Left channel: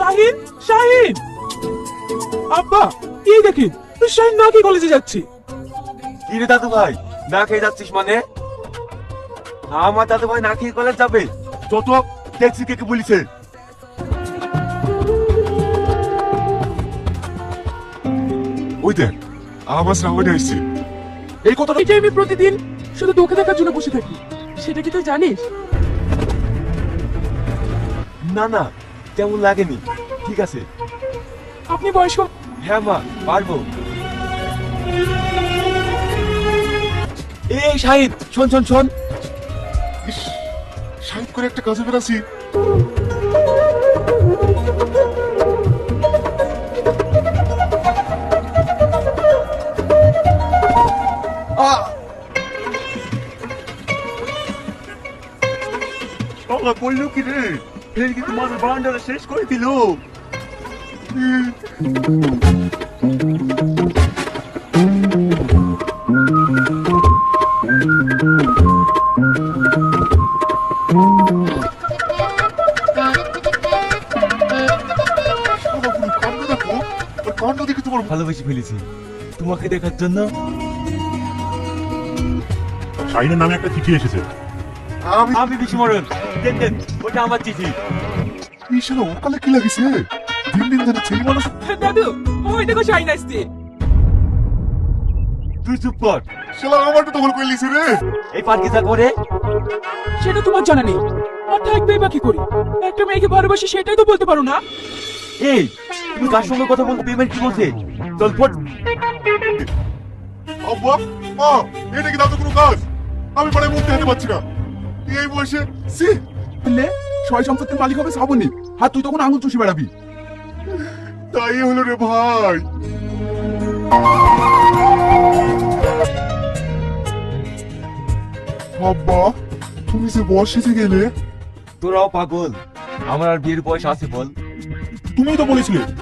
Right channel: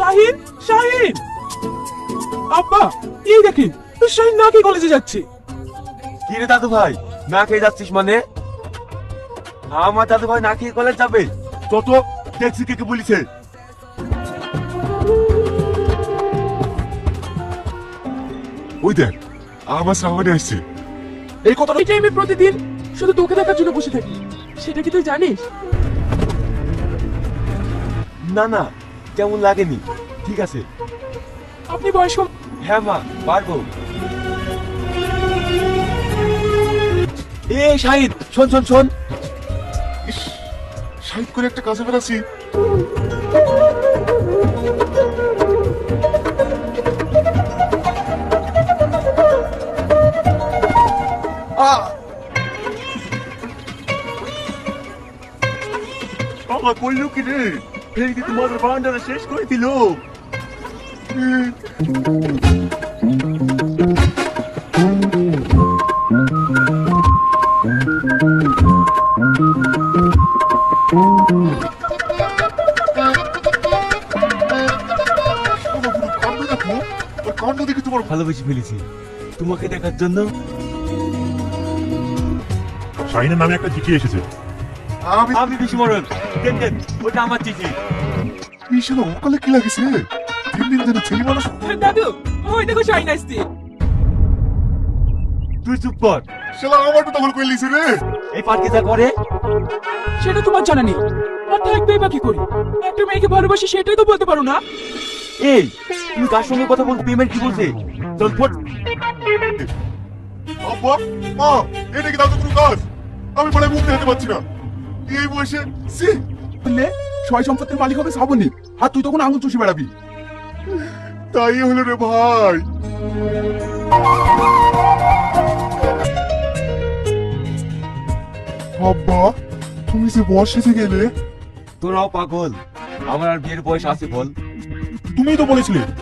শাহিন, শাহিন, আব্বা এই দেখেন শাহিন না খেয়ে কলেজে যাচ্ছে। কি রে দাদু ভাই, না খেয়ে যাচ্ছিস মানে? আমার দাদু ভাই না খেয়ে কলেজ যাবে? যত ট্যাক্সি কে বলেছে? ওই দেখ আমার সামনে আসছে। এই কথাটা কি আমি প্রতিদিন শুধু তোকে দেখার জন্য বসে থাকি, সেটা কি তুই জানিস? না না, কেমন লাগেনি। ঠিক আছে। আপনি বয়স কম। হ্যাঁ মা, পারবো। এ শাহিদ, শোন শোন শোন। সাইড করে একটা কাজে বেরাচ্ছি। বাবা কইলো কি রে? ফের কিন্তু তোমাদের বাউন্ডারি শেষ করে দিল। ভালোবেসে ফেলেছি তোমাকে দেখার জন্য। শাহিনের নামে একটা চিঠি এসেছে। আমি বিস্মরণ। দেন দেন, ওটা আমার চিঠি। এই শালা ওকালে কি লাগিছে? দিন দিন ধরে ছেলে মানুষ। দাদু ওই দেখো শাহিন আসছে। তুই চুপ কর। শালা আমারটা দখল করে লিছে রে। এই পার্কে যা করে সেটা তোমার জানা নেই, আর থাকবেই বা কি করি? একটা মেয়েকে ভালোবাসি সেটাই তো বলতে পারো না। এই তুমি কার সঙ্গে কথা বলতে পেমেন্ট কি বলছে? চল ফট। আব্বা মা, এটা কি দাদু কোনো কাজ? আমি পরে মুখ দেখতে পাচ্ছি না। এই বয়সে সি বললে সয় সম্পত্তির মালিক হবে শ্রাবণী, আর তুই তখন আঙুল চুষে বেড়াবি। তাই হলো রে ভাই। আব্বা তুমি যে বয়সে গেলে। তোরাও পাগল। আমার আর বিয়ের বয়স আছে বল? তুমিই তো বলেছিলে